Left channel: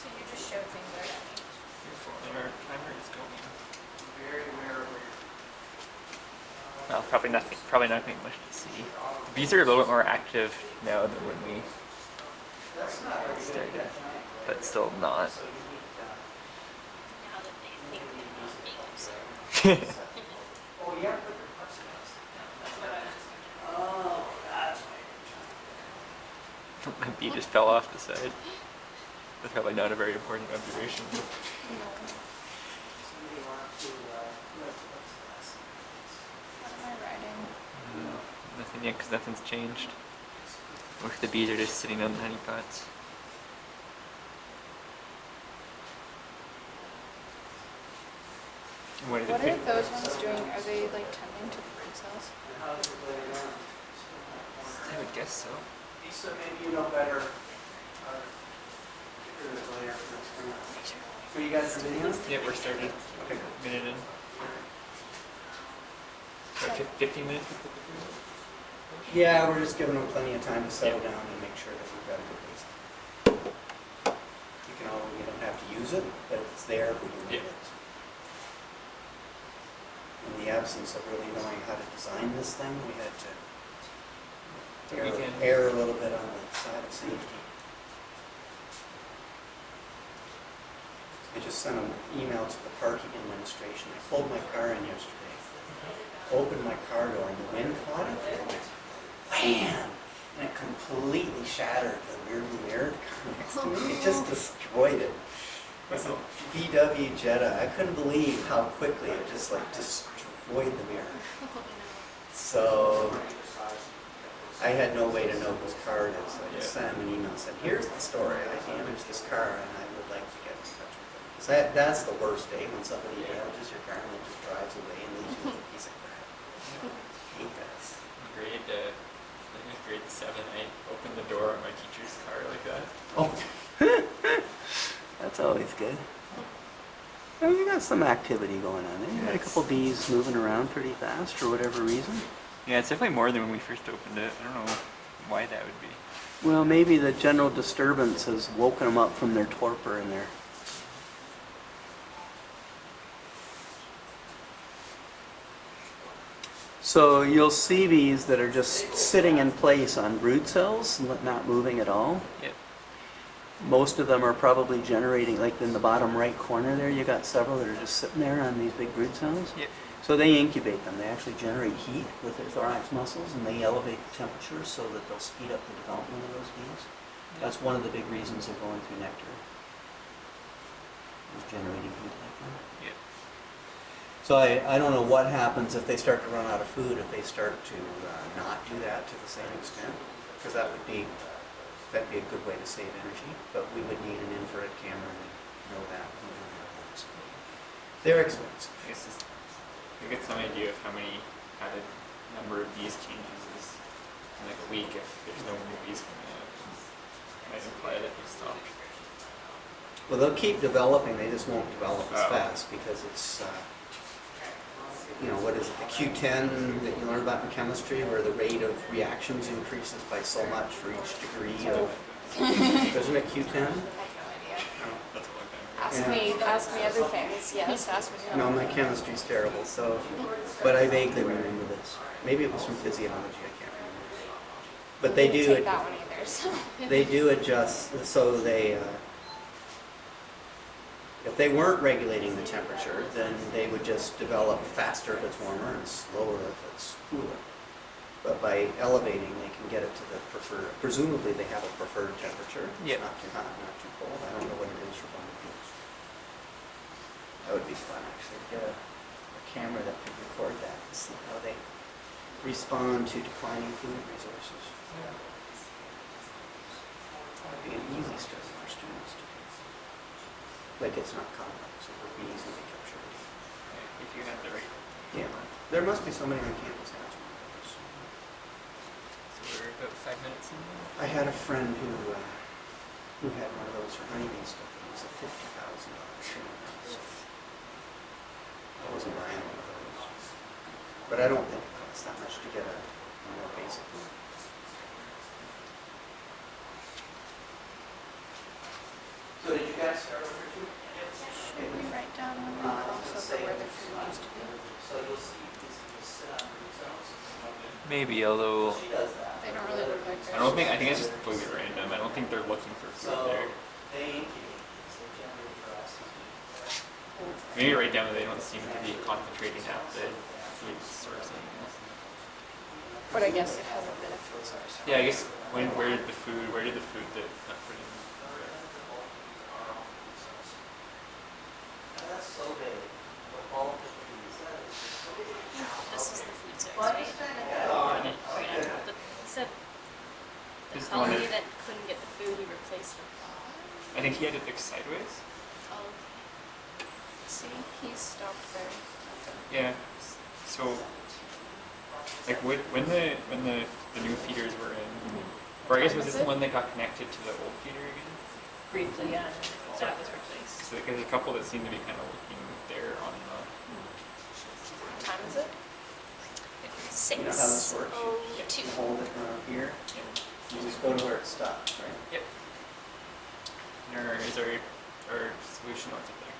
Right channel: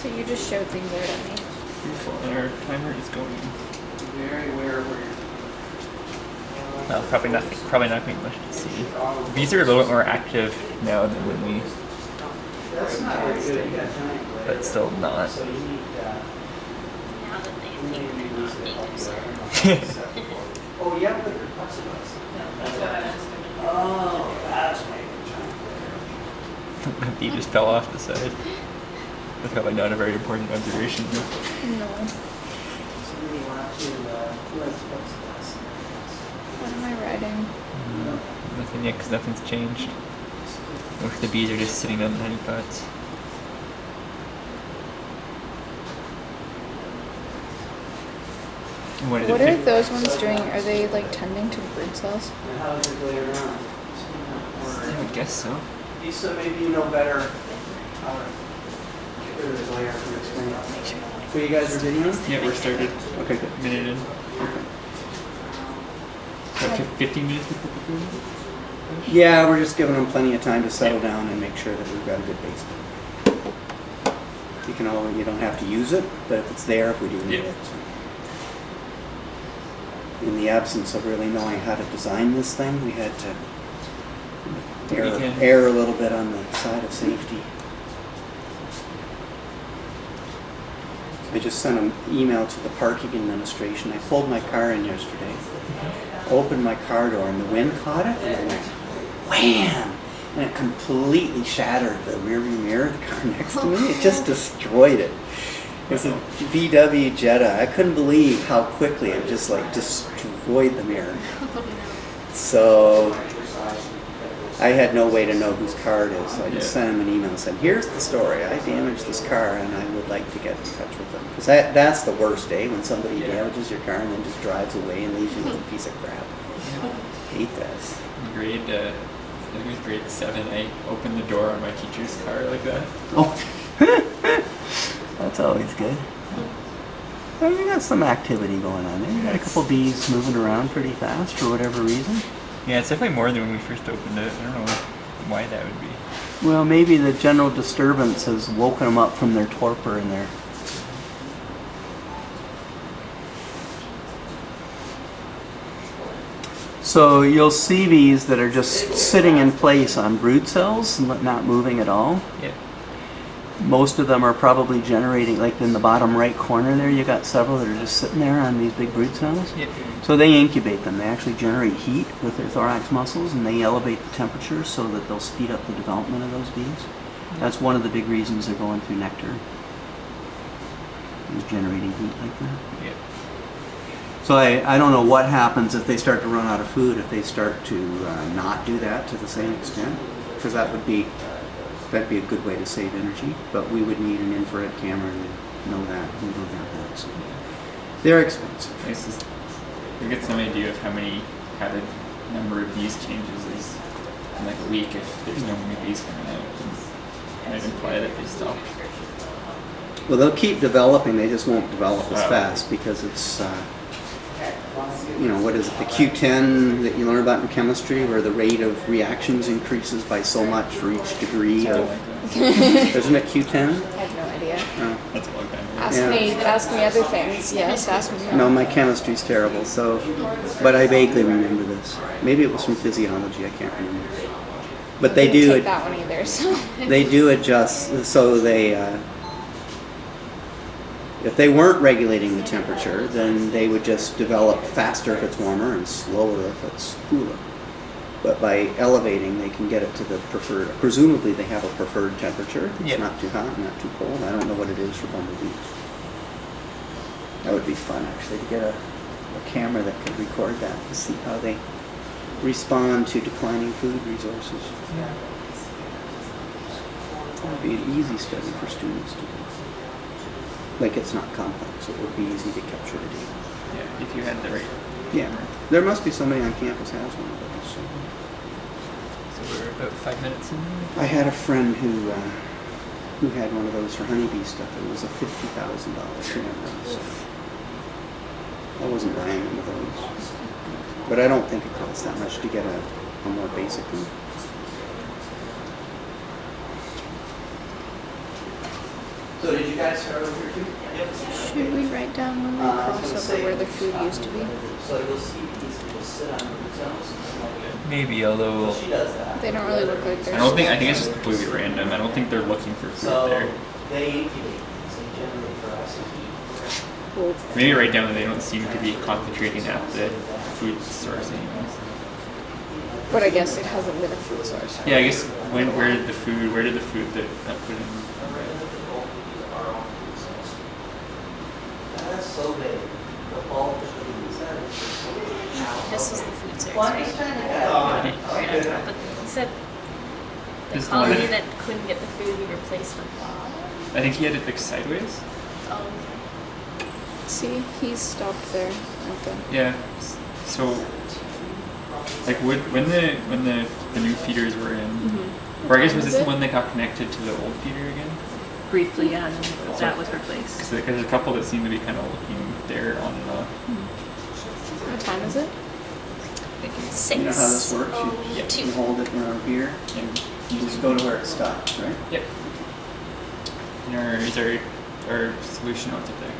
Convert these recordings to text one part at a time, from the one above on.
So you just showed things already. Beautiful, and our timer is going. Very aware where Well, probably not being much to see. Bees are a little bit more active now than when we started, but still not. Now that they think they're not being observed. Oh, yeah, but your plexiglass. Oh, that's The bee just fell off the side. That's probably not a very important observation. No. Somebody went up to plexiglass. What am I writing? Nothing yet, because nothing's changed. Most of the bees are just sitting on the honey pots. What What are those ones doing? Are they like tending to brood cells? And how does it go around? I would guess so. Lisa, maybe you know better how to get rid of the glare from explaining. So you guys are videoing? Yeah, we're started. Okay, good. A minute in. So 15 minutes to put the food in? Yeah, we're just giving them plenty of time to settle down and make sure that we've got a good basement. You don't have to use it, but if it's there, we do need it. In the absence of really knowing how to design this thing, we had to err a little bit on the side of safety. I just sent an email to the parking administration. I pulled my car in yesterday, opened my car door, and the wind caught it, and it went wham! And it completely shattered the rearview mirror of the car next to me. It just destroyed it. It was a VW Jetta. I couldn't believe how quickly it just like destroyed the mirror. So I had no way to know whose car it is. So I just sent him an email and said, here's the story. I damaged this car and I would like to get in touch with them. Because that's the worst day, when somebody damages your car and then just drives away and leaves you with a piece of crap. I hate this. I think it was grade 7, I opened the door on my teacher's car like that. Oh. That's always good. Well, you got some activity going on there. You got a couple bees moving around pretty fast for whatever reason. Yeah, it's definitely more than when we first opened it. I don't know why that would be. Well, maybe the general disturbance has woken them up from their torpor in there. So you'll see bees that are just sitting in place on brood cells, not moving at all. Yeah. Most of them are probably generating, like in the bottom right corner there, you got several that are just sitting there on these big brood cells. Yeah. So they incubate them. They actually generate heat with their thorax muscles, and they elevate the temperature so that they'll speed up the development of those bees. That's one of the big reasons they're going through nectar, is generating heat like that. Yeah. So I don't know what happens if they start to run out of food, if they start to not do that to the same extent, because that'd be a good way to save energy. But we would need an infrared camera to know that and move their heads. They're expensive. You get some idea of how the number of bees changes is in like a week if there's no new bees coming out. And I'd imply that they stop. Well, they'll keep developing. They just won't develop as fast because it's, what is it, the Q10 that you learn about in chemistry, where the rate of reactions increases by so much for each degree of, isn't it Q10? I have no idea. No. That's a long time ago. Ask me other things. Yes, ask me. No, my chemistry's terrible, but I vaguely remember this. Maybe it was from physiology, I can't remember. But they do Take that one either. So. They do adjust, so if they weren't regulating the temperature, then they would just develop faster if it's warmer and slower if it's cooler. But by elevating, they can get it to the preferred, presumably they have a preferred temperature. It's not too hot, not too cold. I don't know what it is for bumblebees. That would be fun, actually, to get a camera that could record that and see how they respond to declining food resources. That would be an easy study for students to do. Like, it's not complex, it would be easy to capture a data. Yeah, if you had the right. Yeah, there must be somebody on campus who has one of those. So we're about 5 minutes in. I had a friend who had one of those for honeybee stuff. It was a $50,000 camera. So I wasn't buying one of those. But I don't think it costs that much to get a more basic one. So did you guys start over here too? Should we write down the I was gonna of say, where the food used to be? So you'll see these people sit on themselves. Maybe, although She does that. They don't really look good. I think it's just completely random. I don't think they're looking for food So there. they incubate these and generally for us to eat. Well, Maybe write down that they don't seem to be concentrating at the food source anymore. but I guess it hasn't been a food source. Yeah, I guess where did the food that got put in? That's so big. The bulk of these is so big. This is the food source, Well, I right? understand that. Right on top. But you said the This is the one colony that- that couldn't get the food, we replaced the bottom. I think he had it fixed sideways. Oh, okay. See, he's stopped there. At the, Yeah. So, like, when the new feeders were in, or I guess was this the one that got connected to the old feeder again? Briefly, yeah, and that was replaced. Because there's a couple that seem to be kind of looking there on the. what time is it? 6. You know how this works? Oh, You 2. hold it around here, And you just go to where it stops, right? Yep. And our solution notes up there.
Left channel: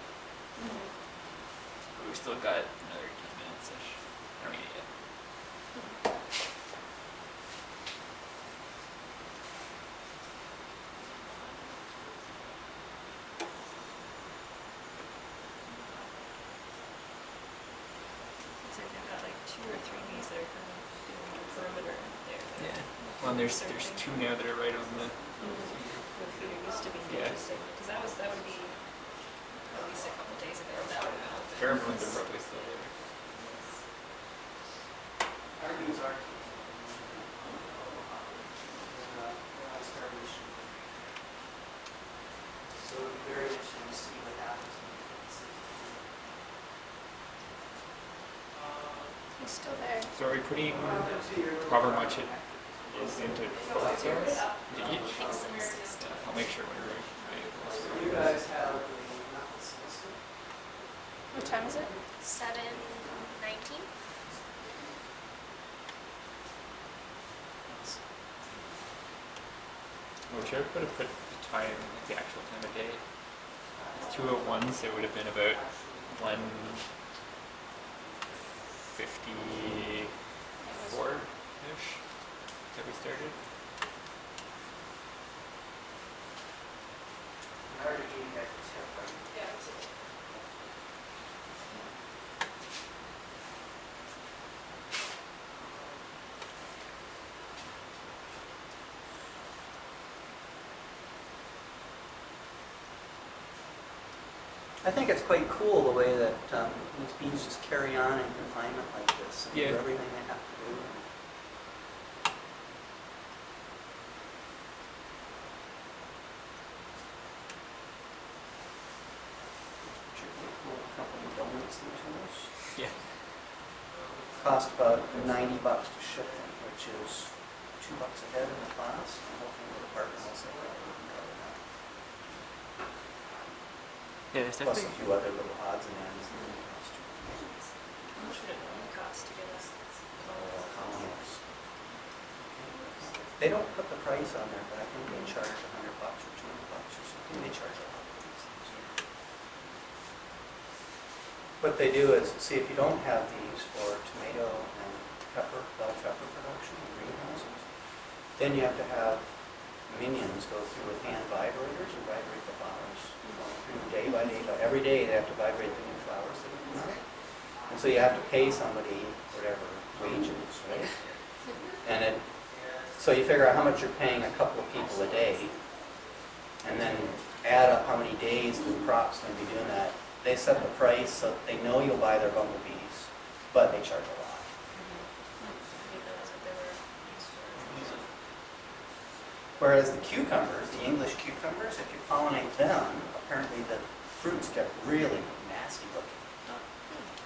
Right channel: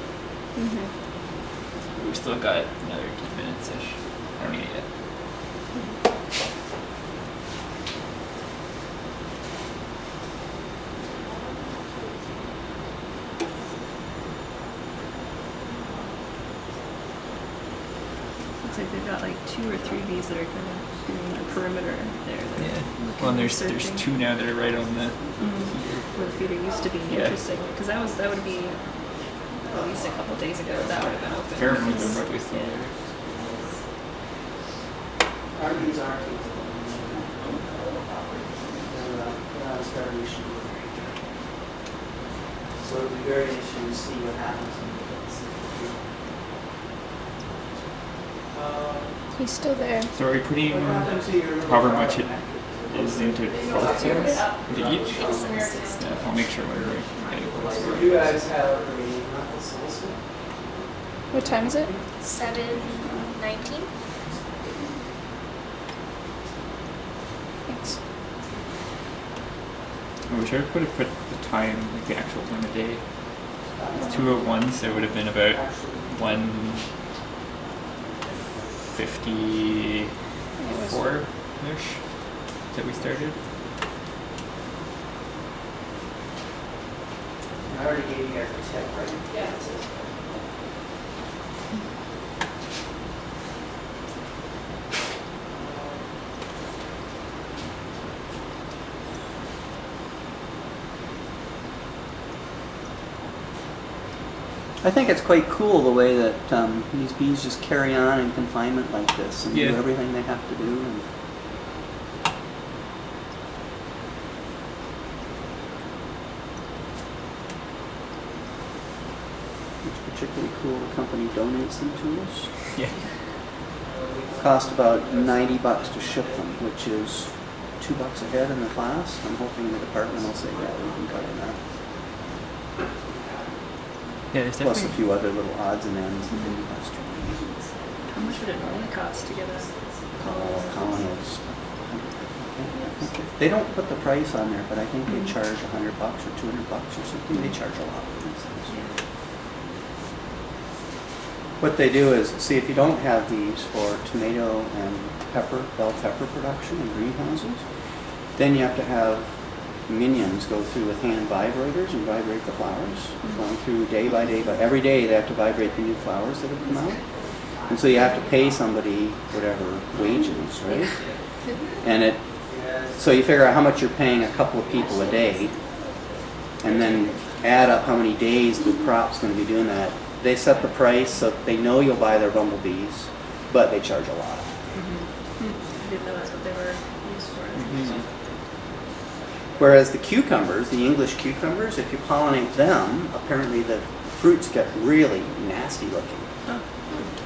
We still got another 10 minutes ish. I don't need it yet. Looks like they've got like 2 or 3 bees that are kind of doing a perimeter there. They're Yeah. looking, Well, and there's searching. 2 now that are right on the. Where the feeder used to be. Yeah. Interesting, because that would be at least a couple days ago. That would have been open. Pheromones are probably still Yeah. there. Our bees aren't capable they're on starvation. So it'll be very interesting to see what happens when it gets. He's still there. So are we putting however much it is into both cells? Into each? Yeah, I'll make sure whenever I get those. You guys have a knuckle solstice? What time is it? 7:19. Thanks. I wish I could have put the time, like the actual time of day. It's 2:01, so it would have been about 1:54-ish that we started. I already gave you guys the tip, right? Yeah. I think it's quite cool the way that these bees just carry on in confinement like this and Yeah. do everything they have to do. And it's particularly cool. The company donates them to us. Yeah. Cost about $90 to ship them, which is $2 a head in the class. I'm hoping the department will say, yeah, we can cover that. Yeah, there's Plus a definitely. few other little odds and ends and then How much would it normally cost to get a colonies. They don't put the price on there, but I think they charge $100 or $200 or something. They charge a lot for these things. What they do is, see, if you don't have these for tomato and pepper, bell pepper production in greenhouses, then you have to have minions go through with hand vibrators and vibrate the flowers, going through day by day, but every day they have to vibrate the new flowers that have come out. And so you have to pay somebody whatever wages, right? And so you figure out how much you're paying a couple of people a day, and then add up how many days the crop's going to be doing that. They set the price so they know you'll buy their bumblebees, but they charge a lot. I didn't know that's what they were used for. Whereas the cucumbers, the English cucumbers, if you pollinate them, apparently the fruits get really nasty looking. Oh.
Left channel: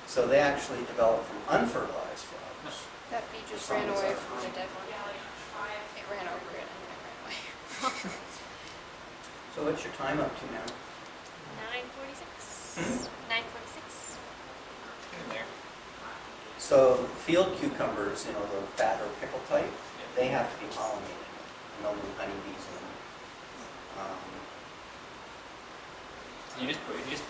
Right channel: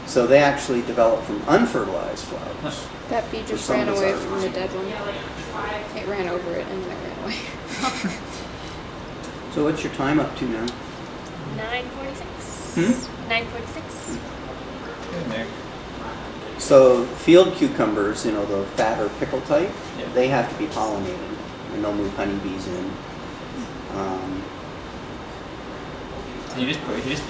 So they actually develop from unfertilized flowers. That bee just some ran away desires. from the dead one. It ran over it and then ran away. So what's your time up to now? 9:46. 9:46. In there. So field cucumbers, you know, the fat or pickle type, Yeah. they have to be pollinated, and they'll move honeybees in. So you just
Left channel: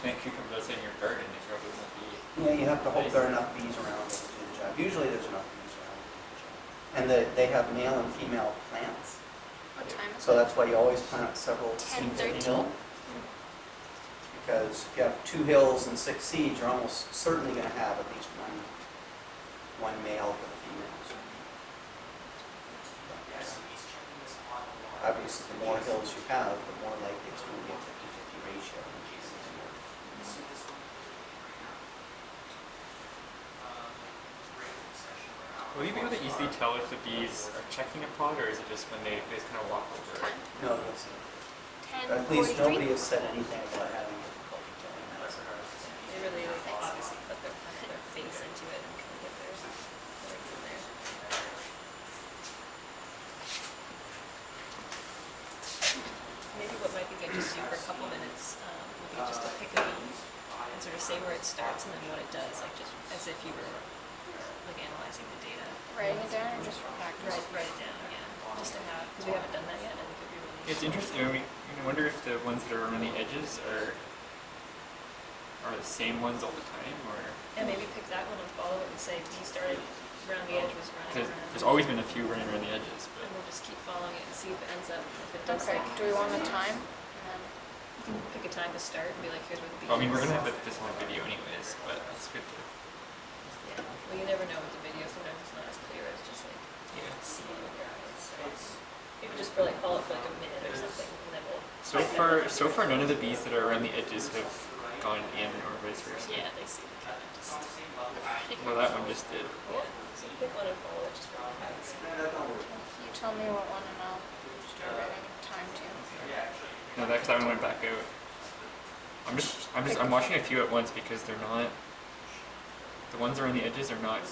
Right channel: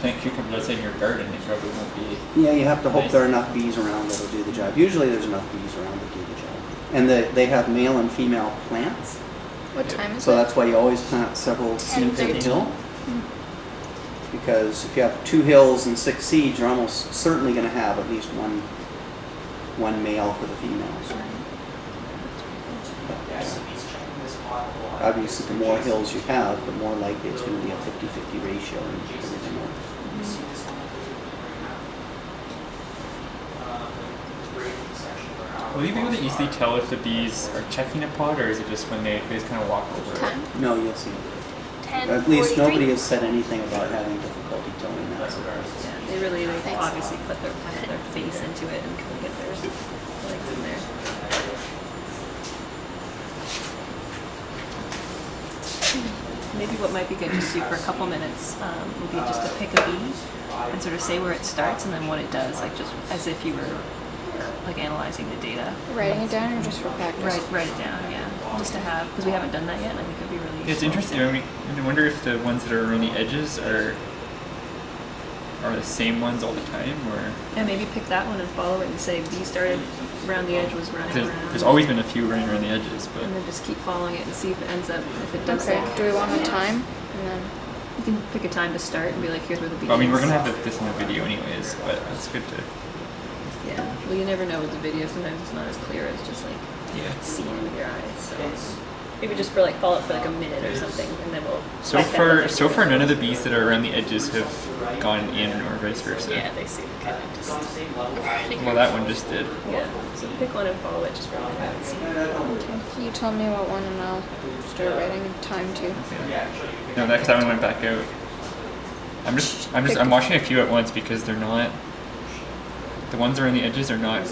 plant cucumbers outside your garden, it probably won't be. Yeah, you have to hope Nice. there are enough bees around that'll do the job. Usually there's enough bees around to do the job. And they have male and female plants, What time is so it? that's why you always plant several seeds in a 10-13. hill. Because if you have 2 hills and 6 seeds, you're almost certainly going to have at least one male for the females. Obviously, the more hills you have, the more likely it's going to be a 50-50 ratio and everything else. Will you be able to easily tell if the bees are checking a pod, or is it just when they just kind of walk over it? No, you'll see. 10, At least 43. nobody has said anything about having difficulty telling that. Yeah, they really like obviously put their face into it and kind of get their legs in there. Maybe what might be good just to do for a couple minutes would be just to pick a bee and sort of say where it starts and then what it does, like just as if you were like analyzing the data. Writing it down or just for practice? Write it down, yeah, just to have, because we haven't done that yet, and I think it'd be really. It's useful. interesting. I wonder if the ones that are around the edges are the same ones all the time, or And maybe pick that one and follow it and say bee started around the edge, was running around. there's always been a few running around the edges, but And then just keep following it and see if it ends up, if it does Okay, like, do we want the time? And then, you can pick a time to start and be like, here's where the bee I mean, we're is. gonna have this in the video anyways, but it's good to Yeah, well, you never know with the video. Sometimes it's not as clear as just like seeing it with your eyes. So maybe just for like follow it for like a minute or something, and then we'll. So far, none of the bees that are around the edges have gone in, or vice versa. Yeah, they seem kind of just. Well, that one just did. Yeah, so pick one and follow it just for a minute and see. you tell me what one and I'll start writing time too. No, that one went back out. I'm watching a few at once because they're not. The ones around the edges are not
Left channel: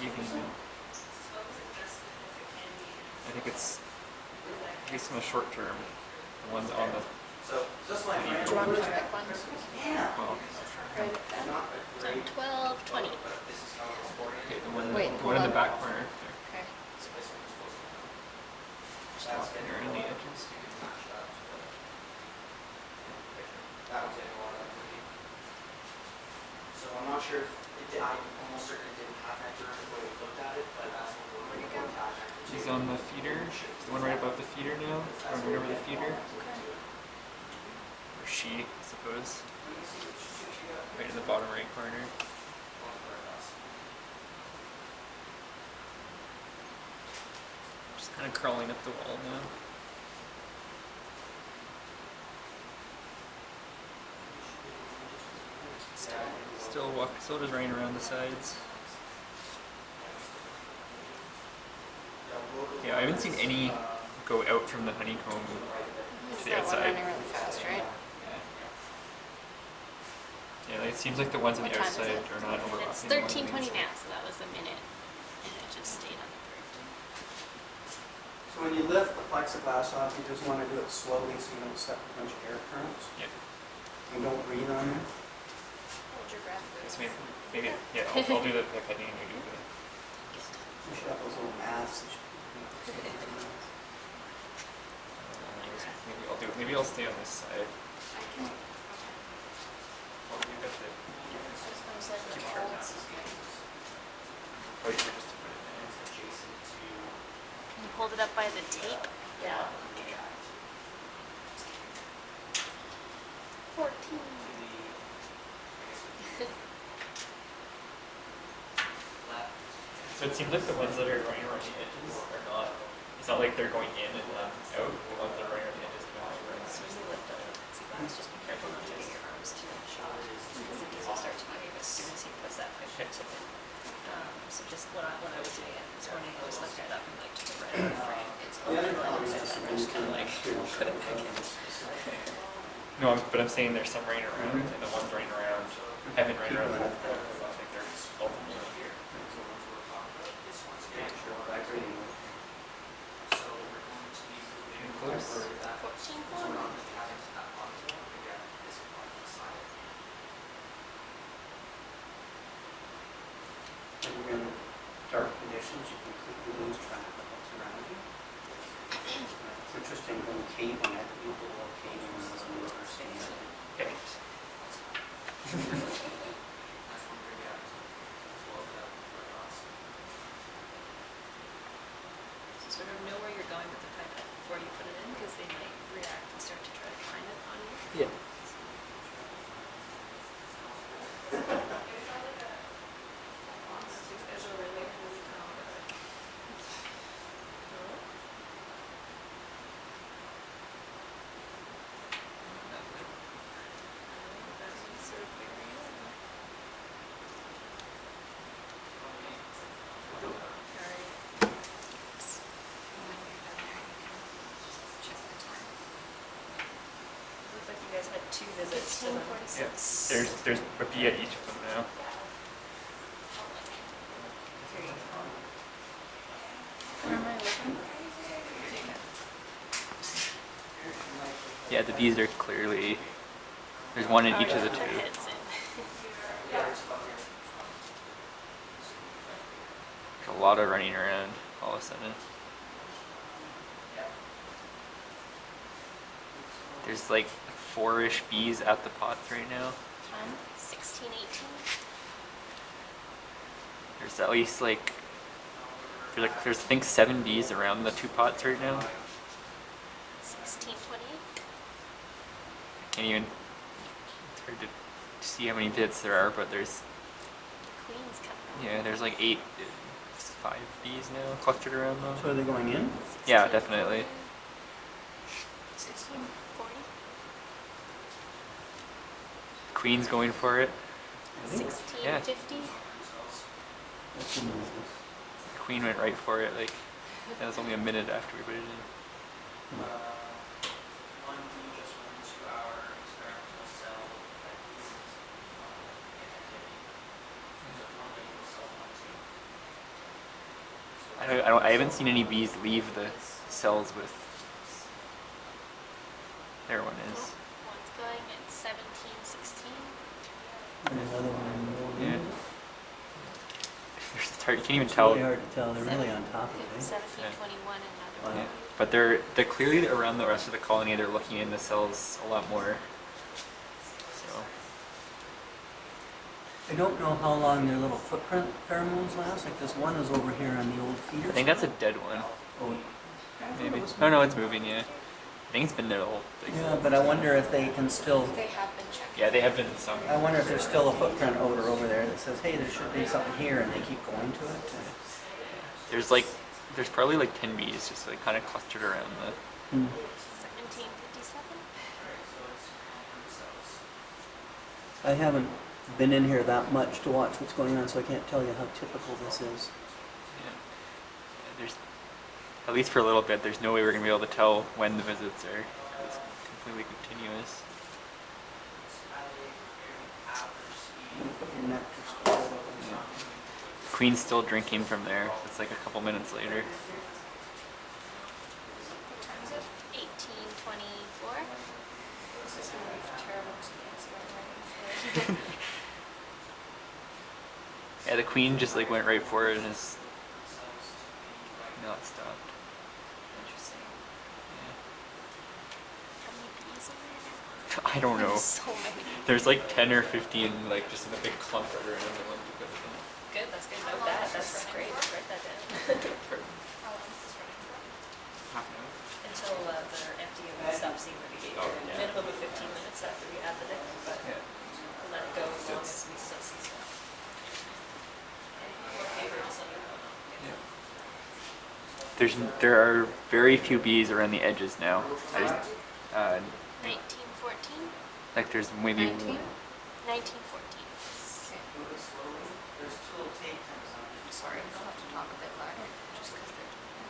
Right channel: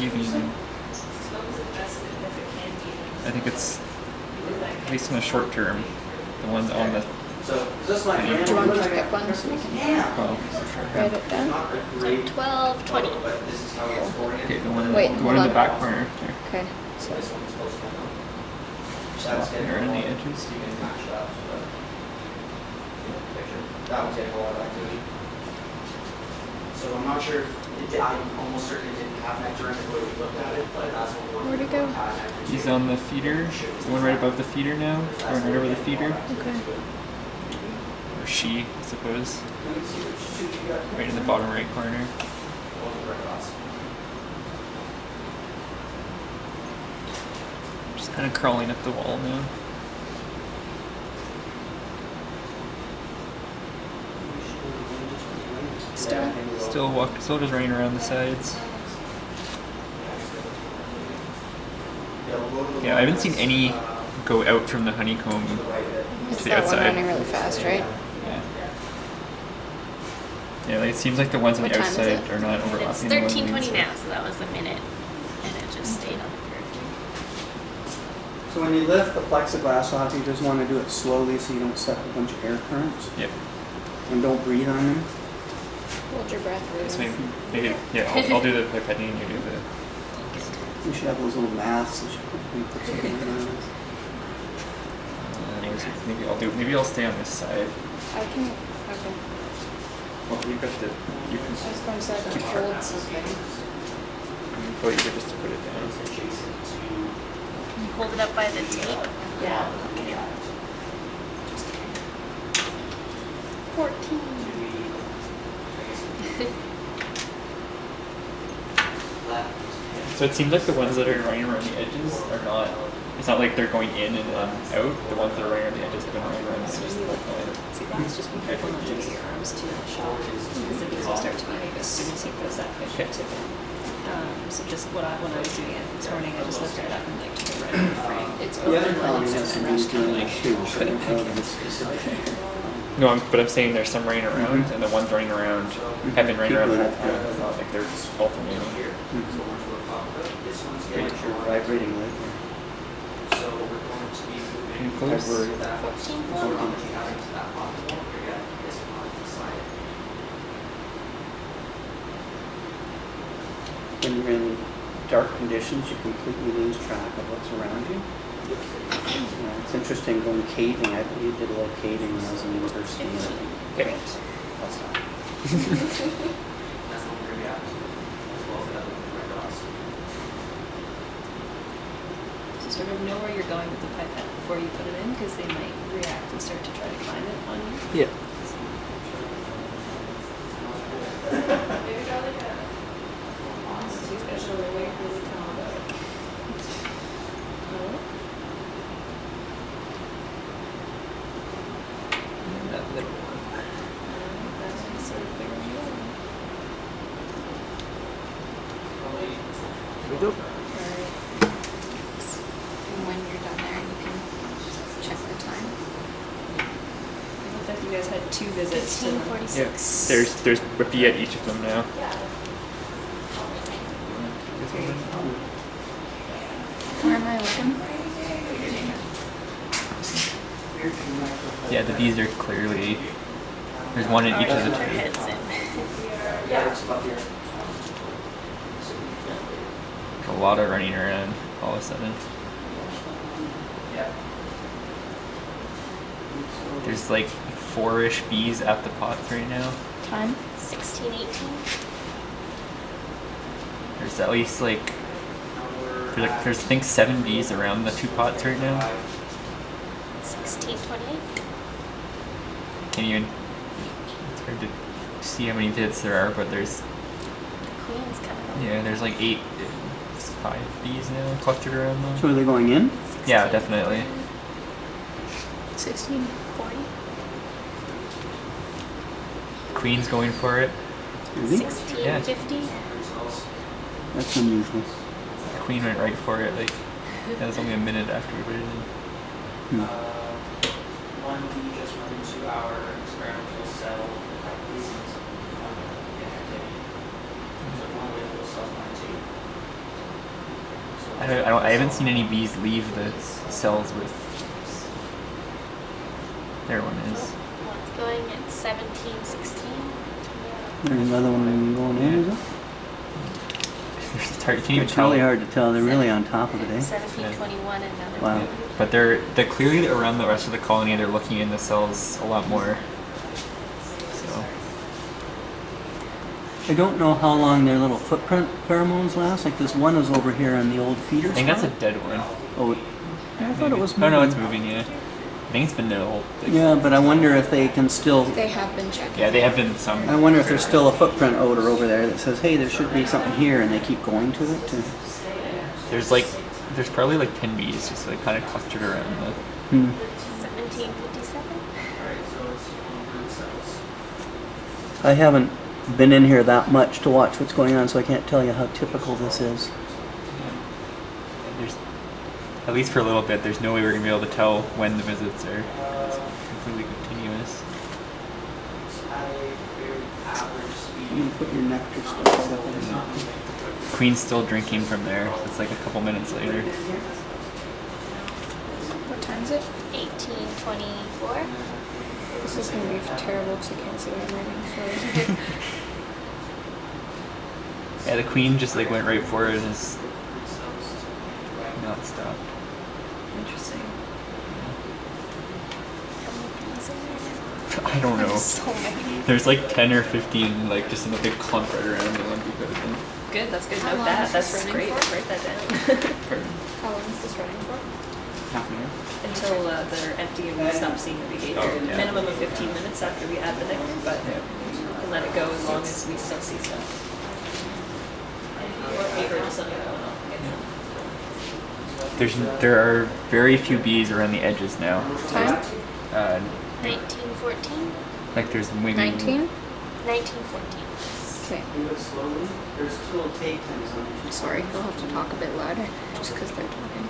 even. I think it's at least in the short term. The ones on the So, is this my Yeah. Do you want me to pick one? well, Write it down? So 12, 20. okay, the one Wait, the one in the hold back on. corner there. Okay. So, Just walking around the edges. That was a whole lot of activity. So I'm not sure if I almost certainly didn't have that during the way we looked at it, but that's what Where'd it go? He's on the feeder. The one right above the feeder now, going right over the feeder, okay. or she, I suppose. Right in the bottom right corner. Just kind of crawling up the wall now. Still just running around the sides. Yeah, I haven't seen any go out from the honeycomb It's to the that one outside. running really fast, right? Yeah, like, it seems like the ones on the What time is outside it? are not It's overlapping. the ones on the 13:20 inside. now, so that was a minute. And it just stayed on the curve. So when you lift the plexiglass off, you just want to do it slowly so you don't set a bunch of air currents. Yep. And don't breathe on there. Hold your breath, So really. maybe I'll do the pipetting and you do the. You should have those little masks that you can put something on. Maybe I'll stay on this side. I can. Okay. Well, you got the. You can. Just one side. Sure, that's okay. Or you could just put it down. Can you hold it up by the tape? Yeah. Okay. 14. So it seems like the ones that are running around the edges are not. It's not like they're going in and then out. The ones that are running around the edges have been running around. So you look at see that's just be careful not to get your arms too much off because the bees will start to behave as soon as he puts that picture tip in. So just when I was doing it this morning, I just lifted it up and like took it right out of the frame. It's open and just kind of like put it back in. No, but I'm saying there's some running around, and the ones running around have been running around the whole time. It's not like they're just alternating. Vibrating right So we're going to be moving Close. over that. 14. So we're going to add into that module. Again, this on the side. When you're in dark conditions, you completely lose track of what's around you. Yeah, it's interesting going caving. I believe did a little caving when I was in university. and everything. Okay. That's not. That's not where we at. As well as the other Red Cross. So sort of know where you're going with the pipette before you put it in, because they might react and start to try to climb it on you. Yeah. These guys are really, really calm about it. That little one. That's sort of figuring it out. We go. Alright. And when you're done there, you can check the time. It looked like you guys had 2 visits to them. 1846. There's a bee at each of them now. Where am I looking? Yeah, the bees are clearly. There's one in each of the Their two. heads in. Yeah, it's about here. There's a lot of running around all of a sudden. Yeah. There's like 4-ish bees at the pots right now. Time? 16, 18, There's at least like there's I think 7 bees around the 2 pots right now. 16, 28. Can't even. It's hard to see how many bits there are, but there's The queen's coming. yeah, there's like 5 bees now clustered around them. So are they going in? Yeah, definitely. 16, 40. Queen's going for it. Really? 16, Yeah. 50. That's unusual. The queen went right for it. Like that was only a minute after we put it in. Hmm. One bee just went into our experimental cell activities. So one of those cells went to. I haven't seen any bees leave the cells with. There one is. One's going at 17, 16. There's another one going in, is it? It's hard, you can't even It's tell. really hard to tell. They're really on top of it, eh? 17, Yeah. 21, another Wow. one. But they're clearly around the rest of the colony. They're looking in the cells a lot more. So I don't know how long their little footprint pheromones last. Like this one is over here on the old feeder. I think that's a spot. dead one. Oh, I thought Maybe. it was Oh no, it's moving. moving. Yeah, I think it's been there the whole. Like, Yeah, but I wonder if they can still. They have been checking. Yeah, they have been some. I wonder if there's still a footprint odor over there that says, "Hey, there should be something here," and they keep going to it. There's probably like 10 bees just like kind of clustered around the. 1757. I haven't been in here that much to watch what's going on, so I can't tell you how typical this is. Yeah. There's at least for a little bit. There's no way we're gonna be able to tell when the visits are. It's completely continuous. You can put your nectar stuff up in there. Queen's still drinking from there. It's like a couple minutes later. What time is it? 18, 24. This is going to be terrible because I can't see what I'm reading. So. Yeah, the queen just like went right for it and is not stopped. Interesting. How many bees are there? I don't know. There's so many. There's like 10 or 15 like just in a big clump right around the one we put it in. Good, that's good. How Note long that. is That's this running great. for? Write that down. How long is this running for? Half an hour. Until they're empty and we stop seeing the behavior. Oh, yeah. Minimum of 15 minutes after we add the nectar, but Yeah. we'll let it go as long as we still see stuff. Or paper, just something going on. There are very few bees around the edges now. 19, 14. Like there's maybe 19? 19, 14. Okay. Move it slowly. There's still take times on it. Sorry, we'll have to talk a bit louder just because they're talking.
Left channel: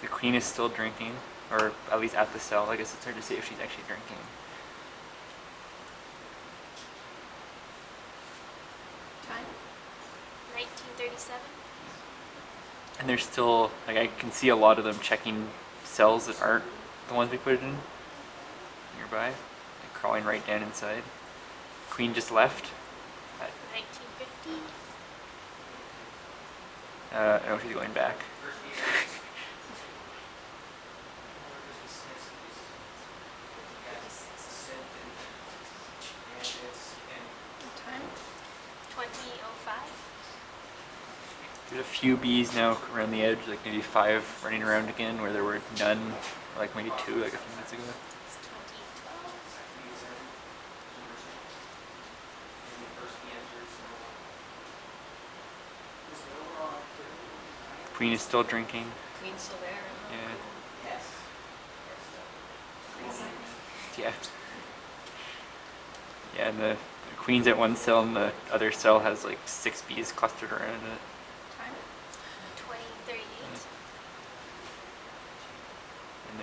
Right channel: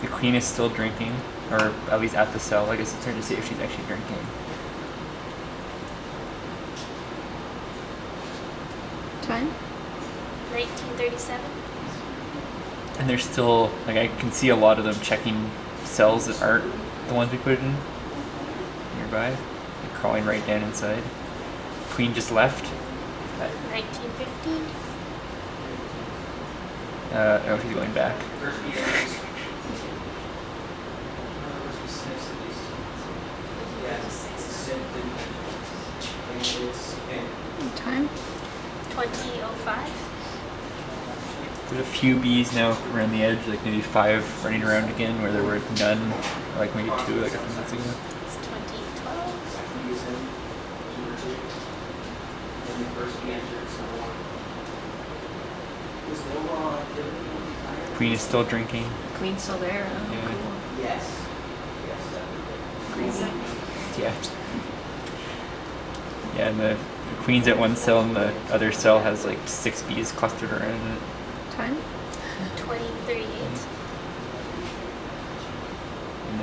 the queen is still drinking, or at least at the cell. I guess it's hard to see if she's actually drinking. Time? 1937. And there's still like I can see a lot of them checking cells that aren't the ones we put it in nearby. Like crawling right down inside. Queen just left. 1950. Oh, she's going back. What time? 20:05. There's a few bees now around the edge, like maybe 5 running around again, where there were none, or like maybe 2, like a few minutes ago. It's 20:12. Queen is still drinking. Queen's still there. Oh, Yeah. cool. Yes. Crazy. Yeah. Yeah, and the queen's at one cell, and the other cell has like 6 bees clustered around it. Time? 20:38. And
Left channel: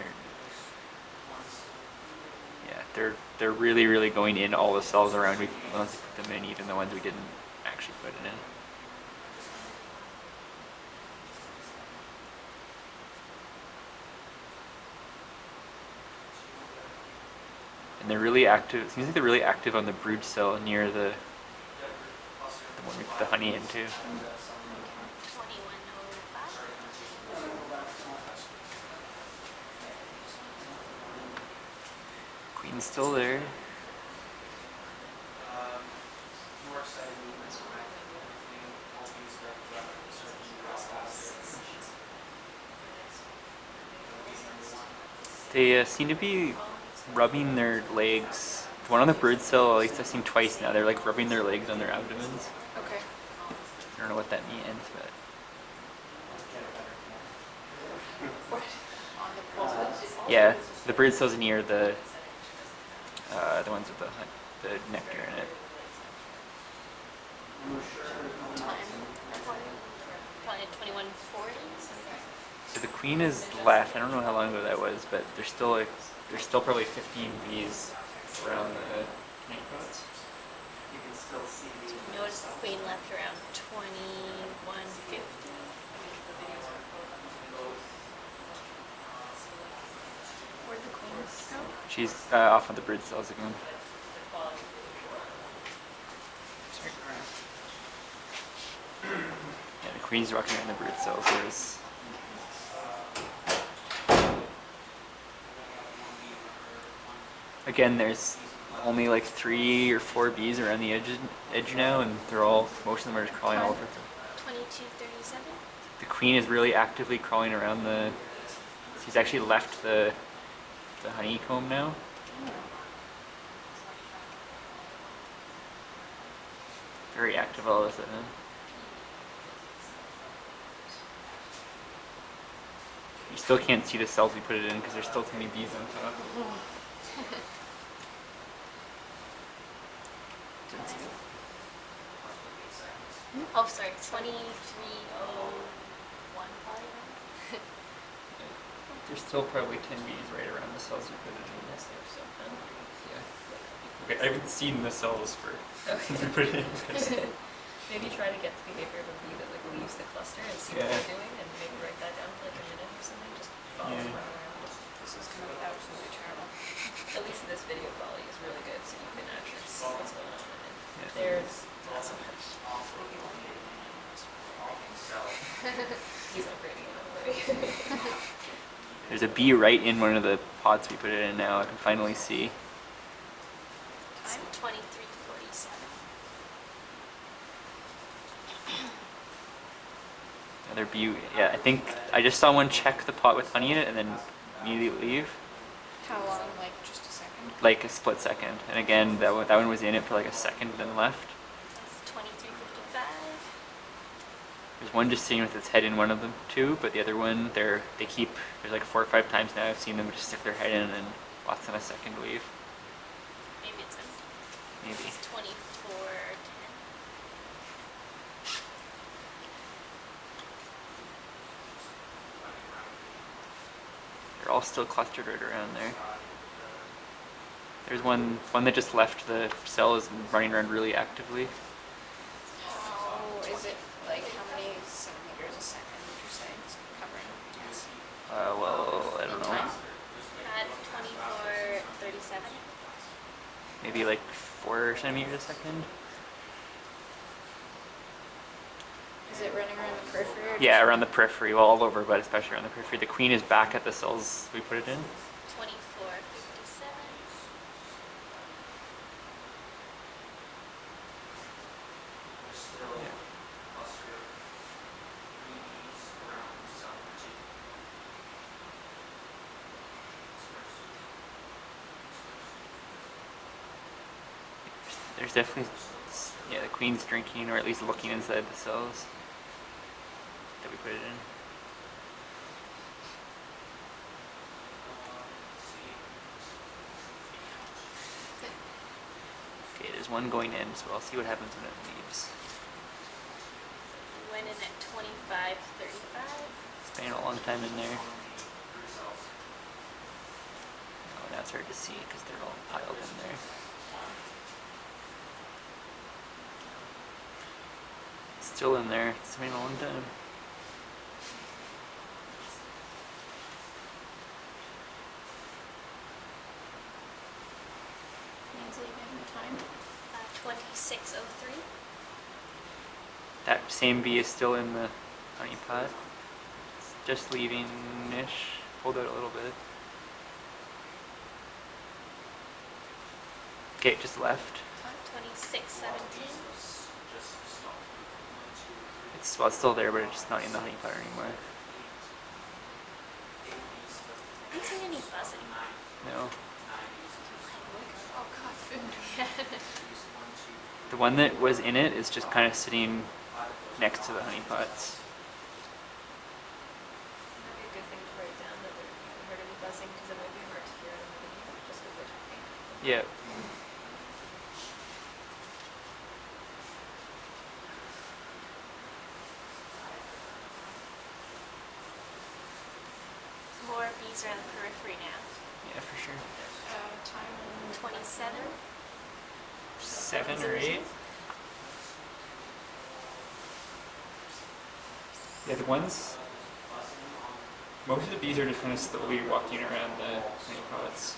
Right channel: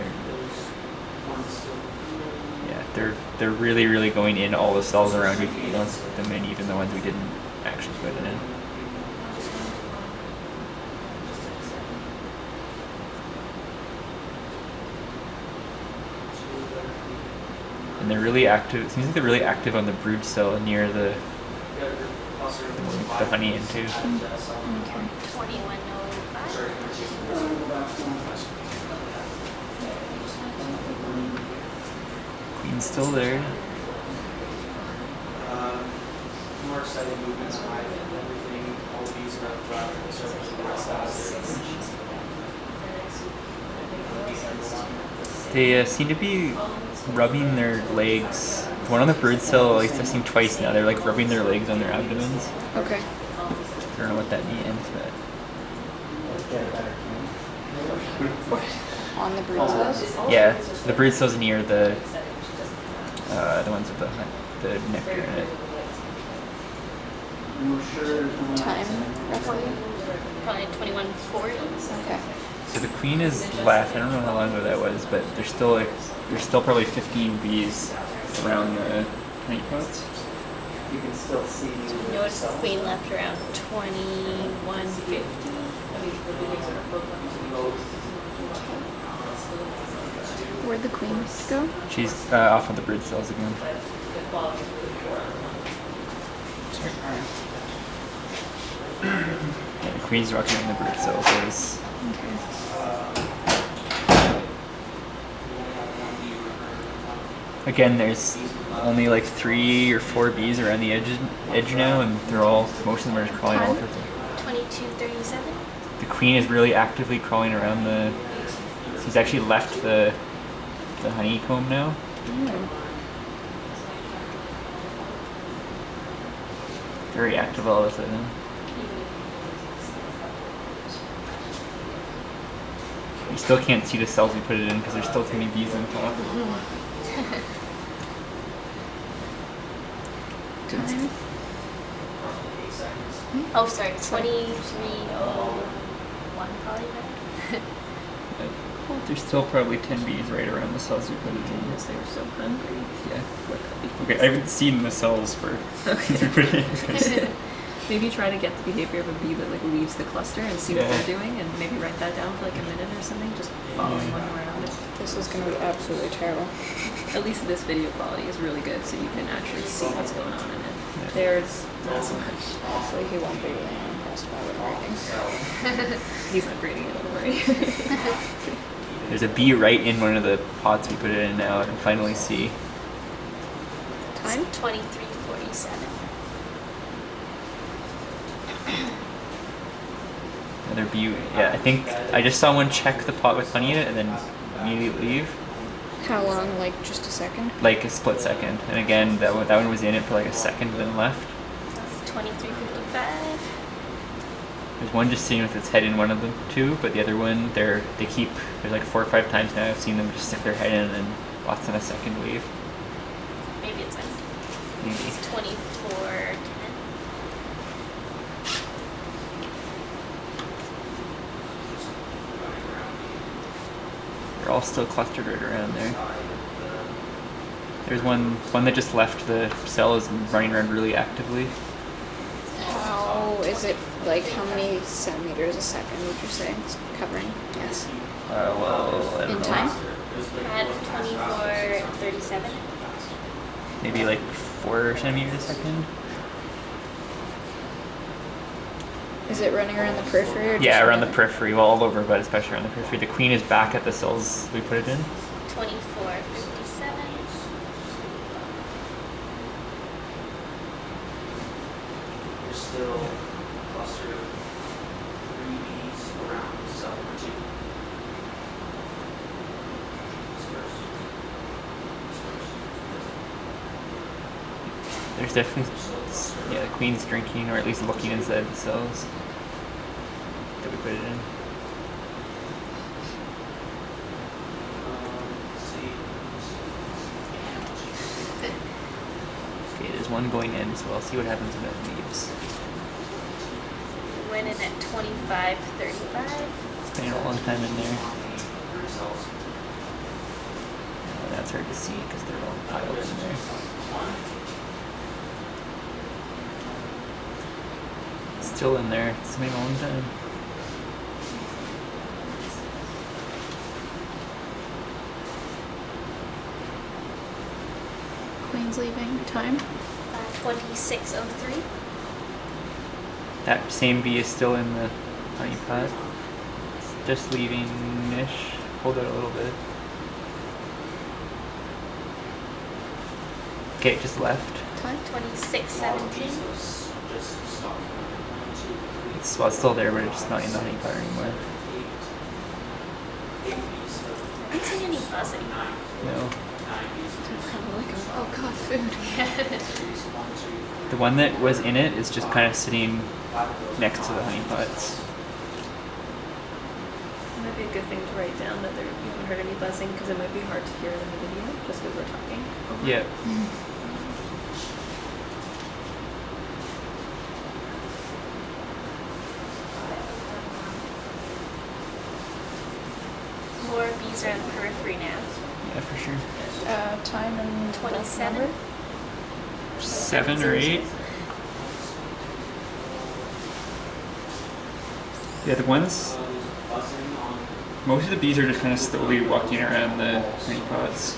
they're really going in all the cells around. We put them in, even the ones we didn't actually put it in. And they're really active. It seems like they're really active on the brood cell near the one we put the honey into. 21:05. Queen's still there. More exciting movements on everything, all these They seem to be rubbing their legs. One on the brood cell, at least I've seen twice now. They're like rubbing their legs on their abdomens. Okay. I don't know what that means, but On the brood cells? yeah, the brood cells near the ones with the nectar in it. Time? Roughly? Probably 21:40. Okay. So the queen is left. I don't know how long ago that was, but there's still probably 15 bees around the honey pots. You can still see. Notice the queen left around 21:50. Where'd the queen go? She's off on the brood cells again. Sorry. Yeah, the queen's walking around the brood cells. There's again, there's only like 3 or 4 bees around the edge now, and most of them are just crawling all over. 22:37. The queen is really actively crawling around the. She's actually left the honeycomb now. Very active all of a sudden. You still can't see the cells we put it in because there's still too many bees on top. Time? Oh, sorry, 23:01 probably. There's still probably 10 bees right around the cells we put it in. Yes, they were so hungry. Yeah. Okay, I haven't seen the cells for since we put it in. Maybe try to get the behavior of a bee that like leaves the cluster and see what Yeah. they're doing, and maybe write that down for like a minute or something. Just follow Yeah. one around. This is gonna be absolutely terrible. At least this video quality is really good, so you can actually see what's going on in it. Yeah. There's not so much. So he won't be impressed by it all. He's not grading it, don't worry. There's a bee right in one of the pots we put it in now. I can finally see. It's 23:47. Another bee. Yeah, I think I just saw one check the pot with honey in it and then immediately leave. How long? Like just a second? Like a split second. And again, that one was in it for like a second and then left. So it's 23:55. There's one just sitting with its head in one of them too, but the other one, there's like 4 or 5 times now I've seen them just stick their head in and lots in a second leave. Maybe it's empty. Maybe. It's 24:10. They're all still clustered right around there. There's one that just left the cell is running around really actively. How is it, like, how many centimeters a second would you say it's covering? Yes. Well, I don't In know. time? At 24:37. Maybe like 4 centimeters a second. Is it running around the periphery? Or Yeah, just around the periphery, well, all over, but especially around the periphery. The queen is back at the cells we put it in. 2457. There's still a cluster of 3 bees around cell number 2. There's definitely, yeah, the queen's drinking, or at least looking inside the cells that we put it in. Okay, there's one going in, so I'll see what happens when it leaves. Went in at 2535. Spending a long time in there. Oh, that's hard to see because they're all piled in there. It's still in there. It's been a long time. Queen's leaving. Time? 2603. That same bee is still in the honey pot. It's just leaving-ish. Hold it a little bit. Okay, it just left. Time? 2617. It's, well, it's still there, but it's just not in the honey pot anymore. I haven't seen any buzzing. No. Oh god, food. The one that was in it is just kind of sitting next to the honey pots. It might be a good thing to write down that there, you haven't heard any buzzing because it might be hard to hear it in the video just because we're talking. Yeah. More bees are in the periphery now. Yeah, for sure. Time and 27. 7 or 8. Yeah, the ones. Most of the bees are just kind of slowly walking around the honey pots.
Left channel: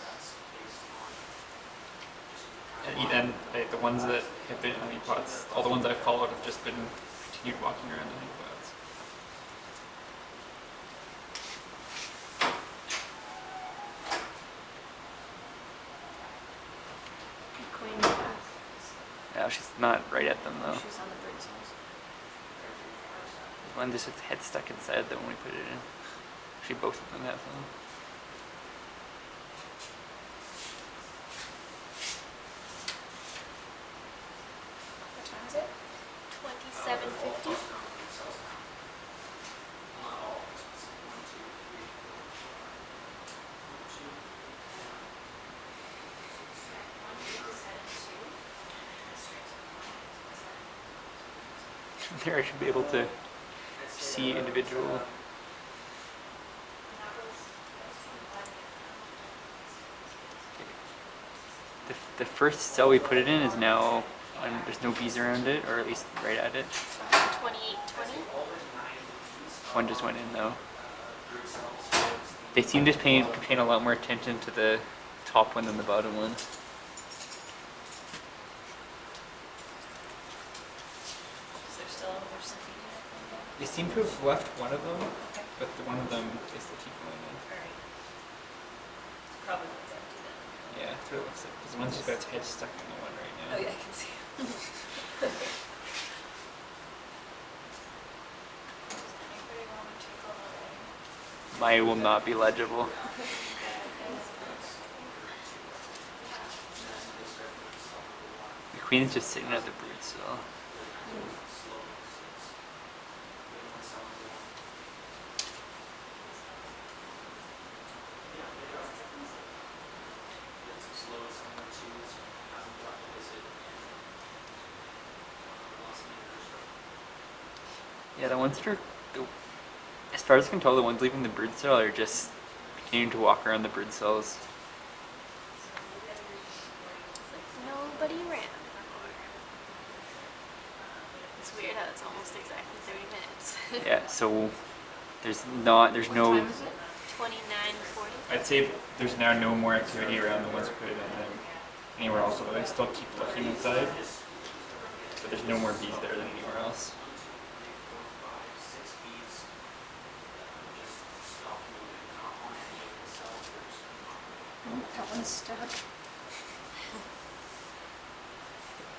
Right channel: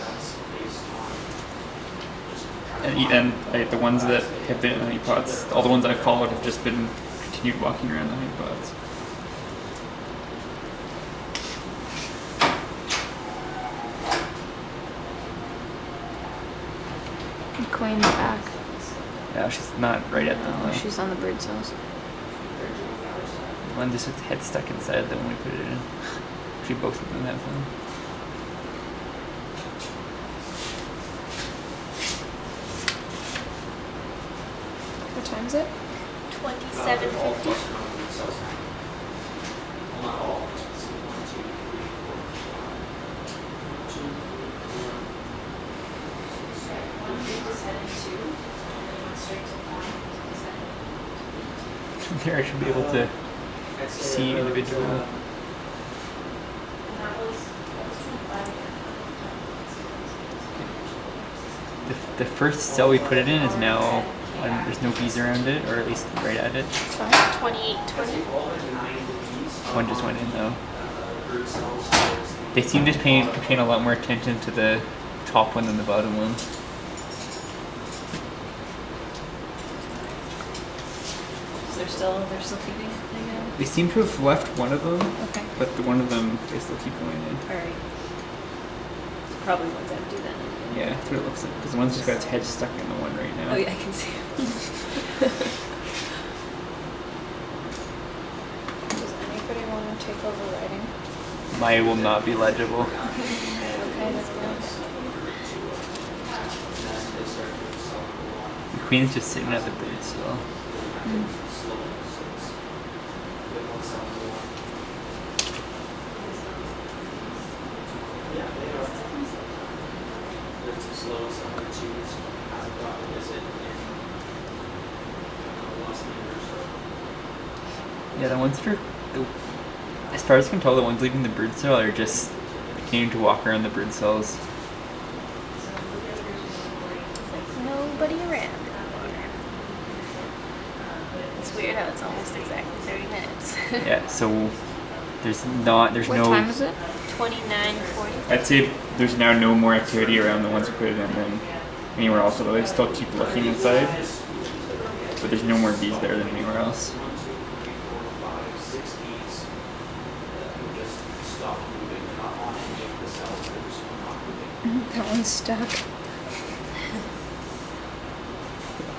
And the ones that have been in the honey pots, all the ones I've followed have just been continued walking around the honey pots. Queen's back. Yeah, she's not right at them though. She's on the brood cells. One just with the head stuck inside them when we put it in. Actually, both of them have one. What time is it? 2750. There, I should be able to see individual. The first cell we put it in is now, there's no bees around it, or at least right at it. 2820. One just went in though. They seem to paying a lot more attention to the top one than the bottom one. They're still feeding. They seem to have left one of them, Okay. but the one of them they still keep going in. Alright. Probably one's empty then. Yeah, that's what it looks like. Because the one's just got its head stuck in the one right now. Oh yeah, I can see. Does anybody want to take over writing? Mine will not be legible. The queen's just sitting at the brood cell. Yeah, the ones that are, as far as I can tell, the ones leaving the brood cell are just continuing to walk around the brood cells. Nobody around. It's weird how it's almost exactly 30 minutes. Yeah, so there's What no. time is it? 2940. I'd say there's now no more activity around the ones who put it in than anywhere else, although they still keep looking inside. But there's no more bees there than anywhere else. That one's stuck.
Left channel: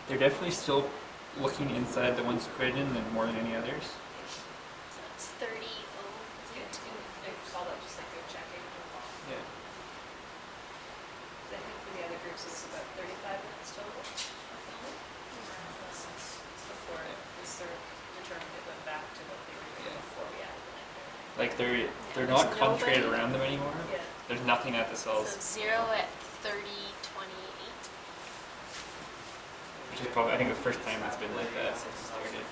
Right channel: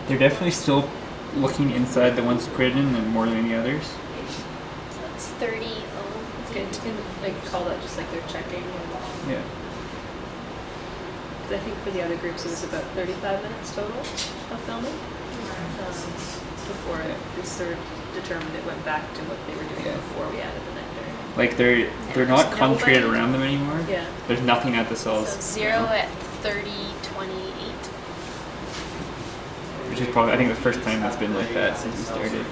They're definitely still looking inside the ones put in than more than any others. So it's 30 It's good. You can like call that just like they're checking. Yeah. 'Cause I think for the other groups it was about 35 minutes total of filming. Before it was sort of determined it went back to what they were doing Yeah. before we added the nectar. Like they're There's not concentrated nobody- around them anymore. Yeah. There's nothing at the cells. So 0 at 30, 28. Which is probably I think the first time it's been like that since we started.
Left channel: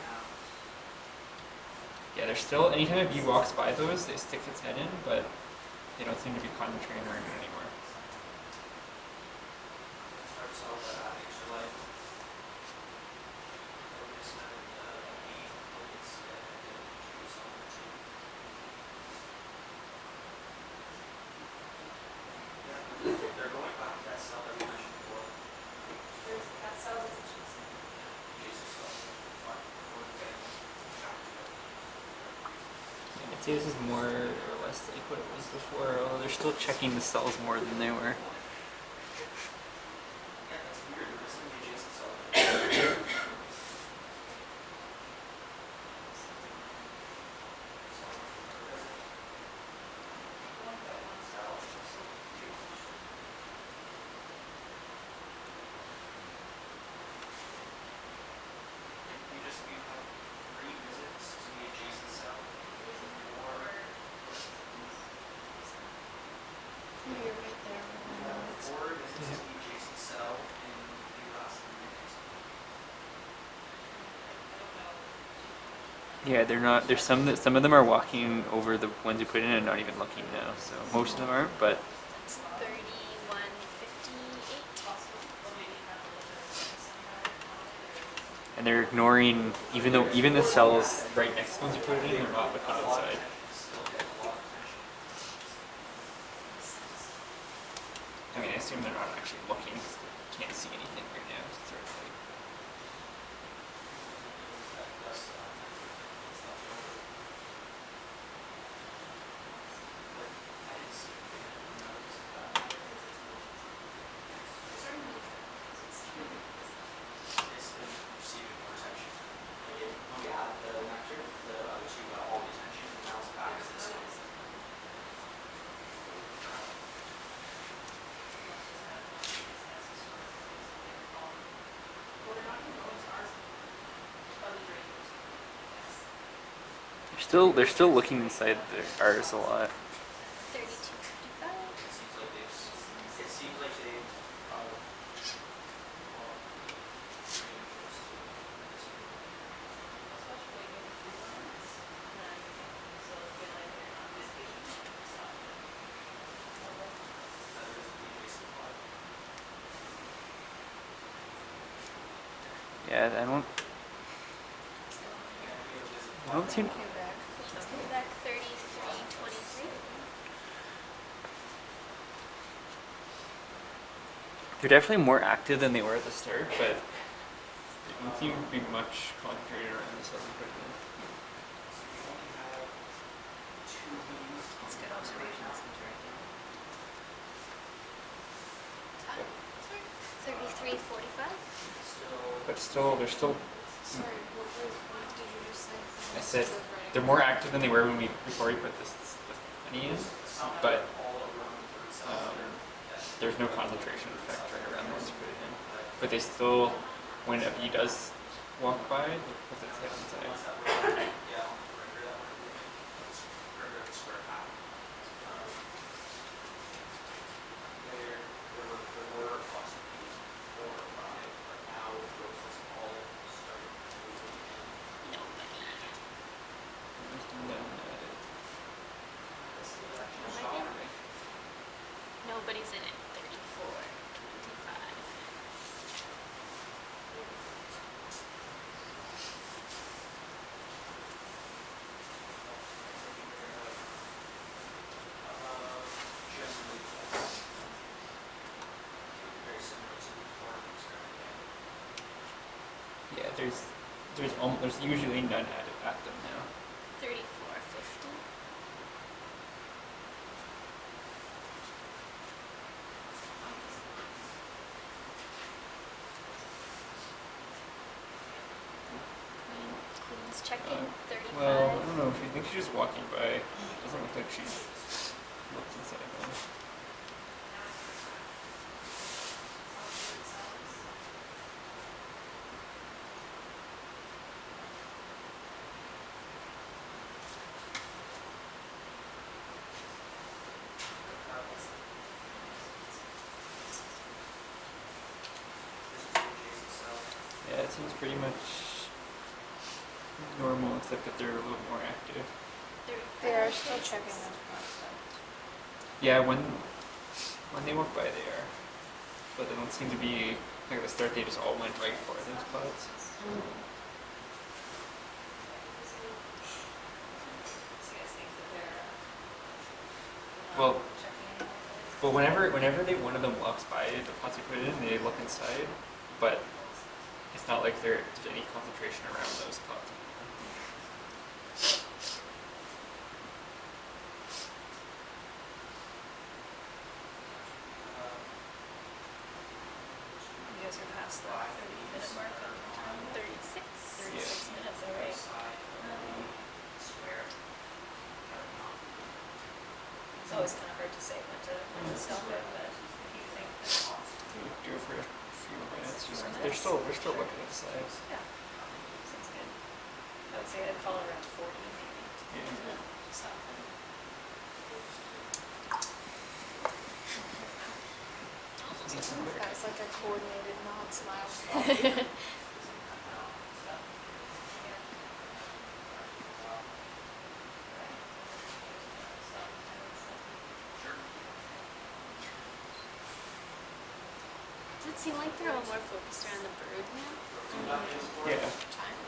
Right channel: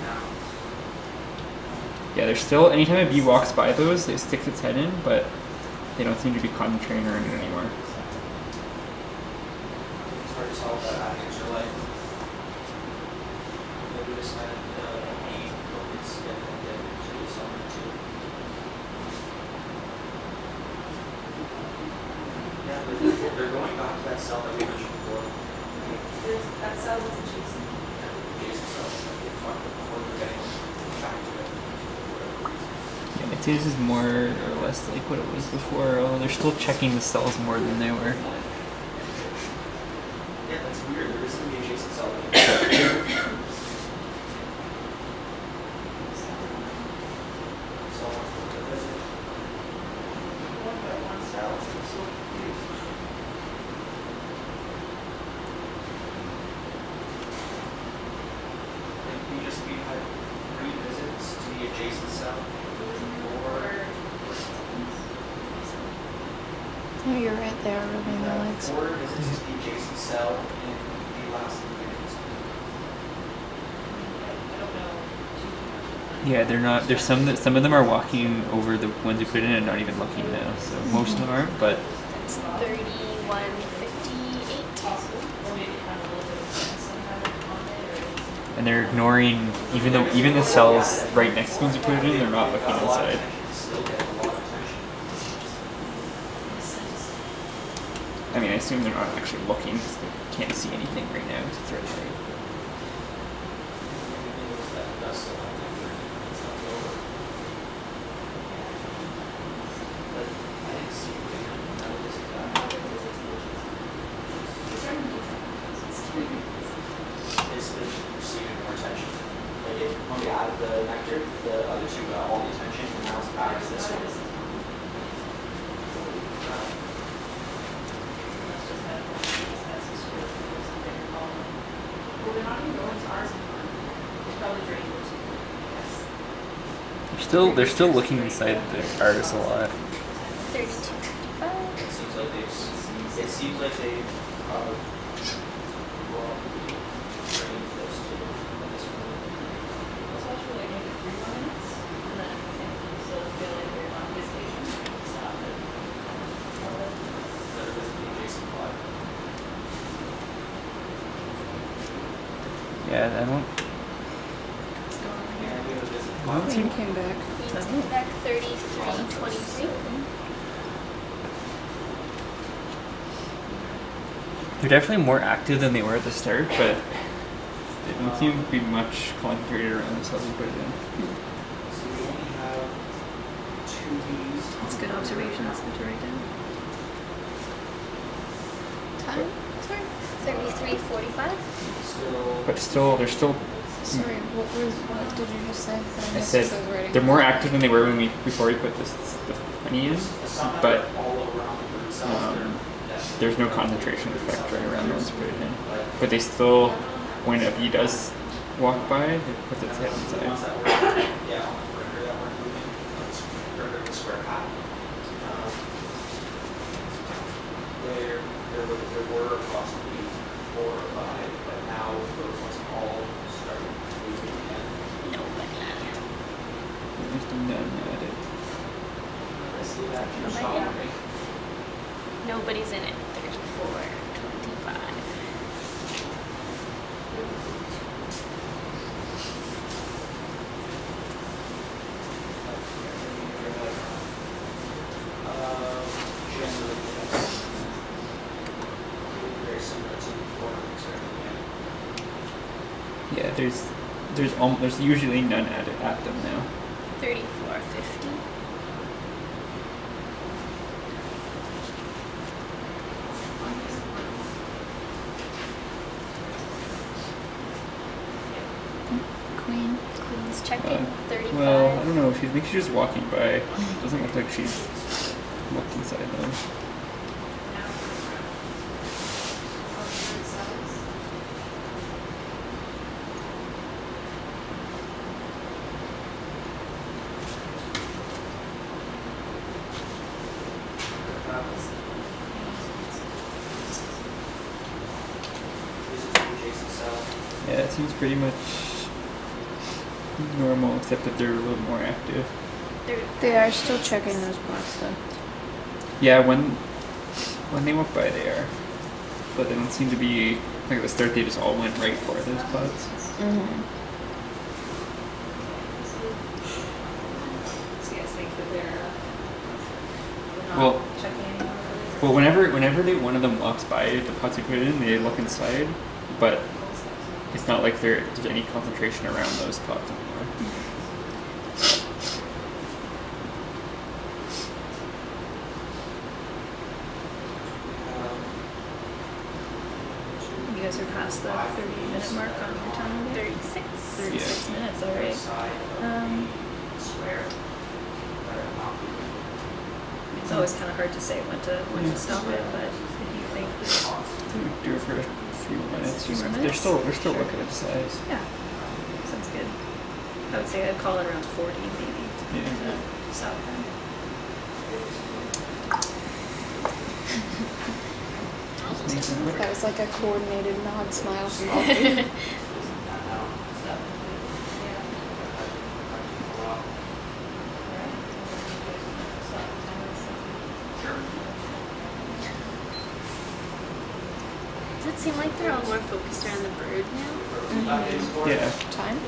Yeah, there's still anytime a bee walks by those, it sticks its head in, but they don't seem to be concentrating around it anymore. It's hard to tell if that actors are like. Maybe just let it be, it's get to something too. Yeah, they're going back to that cell that we mentioned before. That cell was Jason. Jason's cell, like the one before we're getting back to it. Yeah, I'd say this is more or less like what it was before, although they're still checking the cells more than they were. Yeah, that's weird. There isn't an adjacent cell. One by one cell. I'm so confused. Like we had 3 visits to the adjacent cell. Oh, you're right there, Ruben. We had Alex. 4 visits to the adjacent cell in the last 3 minutes. Yeah, they're not. There's some of them are walking over the ones you put in and not even looking now. So most of them aren't, but That's 31, 58. and they're ignoring even the cells right next to the ones you put it in, they're not looking inside. Still get a lot of attention. I mean, I assume they're not actually looking because they can't see anything right now. 'Cause it's right there. It's been receiving more attention. Like when we added the nectar, the other 2 got all the attention, and now it's back to this one. Well, they're not even going to ours anymore. It's probably draining those. They're still looking inside the artists a lot. 32, 55. It seems like they well, trained close to this one. Let's watch for like maybe 3 more minutes, and then we can still feel like we're on visitation. Stop it. That is the adjacent plot. Yeah, I don't seem. Came back. Queen's came back 33, 23. They're definitely more active than they were at the start, but they don't seem to be much concentrated around the cells you put it in. So we only have 2 bees. It's good observations to write down. Time? 33, 45. But still, they're still. Sorry, what did you just say? I said they're more active than they were before we put the honey in, but there's no concentration effect right around once you put it in. But they still, when a bee does walk by, it puts its head inside. Yeah, on the perimeter that we're moving, perimeter of the square pattern. There were approximately 4 or 5, but now those ones all started moving again. Nobody. There's none at it. I see that. Nobody? Nobody's in it. 34, 25. Generally, that's very similar to before we started again. Yeah, there's usually none at them now. 34, 50. She's checking 35. Well, I don't know. She thinks she's just walking by. Doesn't look like she's looked inside though. This is from Jason's cell. Yeah, it seems pretty much normal, except that they're a little more active. They are still checking those boxes though. Yeah, when they walk by, they are. But then it seemed to be like at the start, they just all went right for those pods. Mm-hmm. So you guys think that they're not Well- checking anyone really? Well, whenever one of them walks by the pots we put in, they look inside, but it's not like there's any concentration around those pots anymore. You guys are past the 30-minute mark on your time yet? 36. 36 minutes, alright. It's always kind of hard to say when to stop it, but if you think, We do it for a few minutes. Few They're minutes? still looking inside. yeah, sounds good. I would say I'd call it around 40 maybe Yeah. to stop them. That was like a coordinated nod smile. Does it seem like they're all more focused around the bird now? Yeah, Time?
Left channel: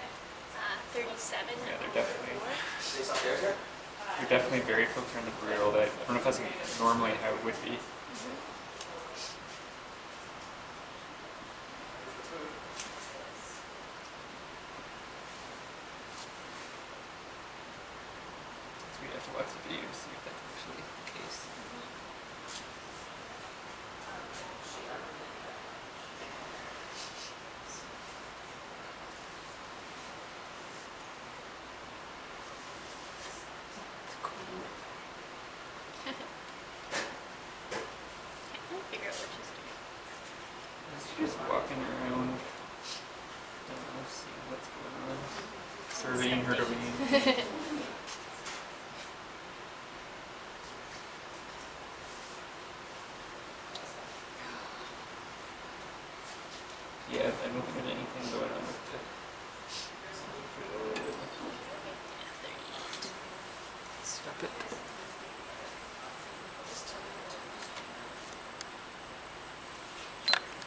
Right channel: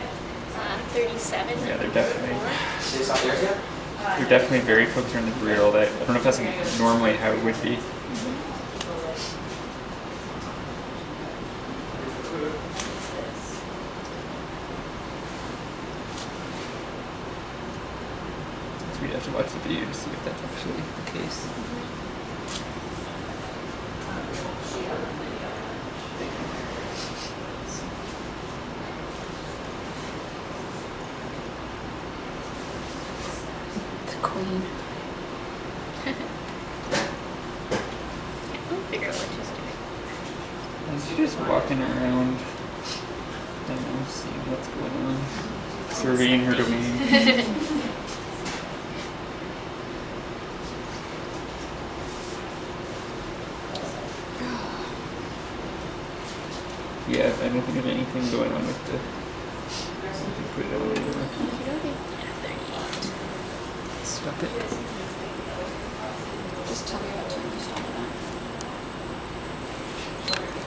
37. yeah, they're definitely Is this out there yet? they're definitely very focused on the brood all day. I don't know if that's like normally how it would be. So we'd have to watch the video to see if that's actually the case. The queen. Can't really figure out what she's doing. And she's just walking around, I don't know, seeing what's going on, surveying her domain. Yeah, I don't think there's anything going on with the. Put it over there. Yeah, 38. Stop it. Just tell me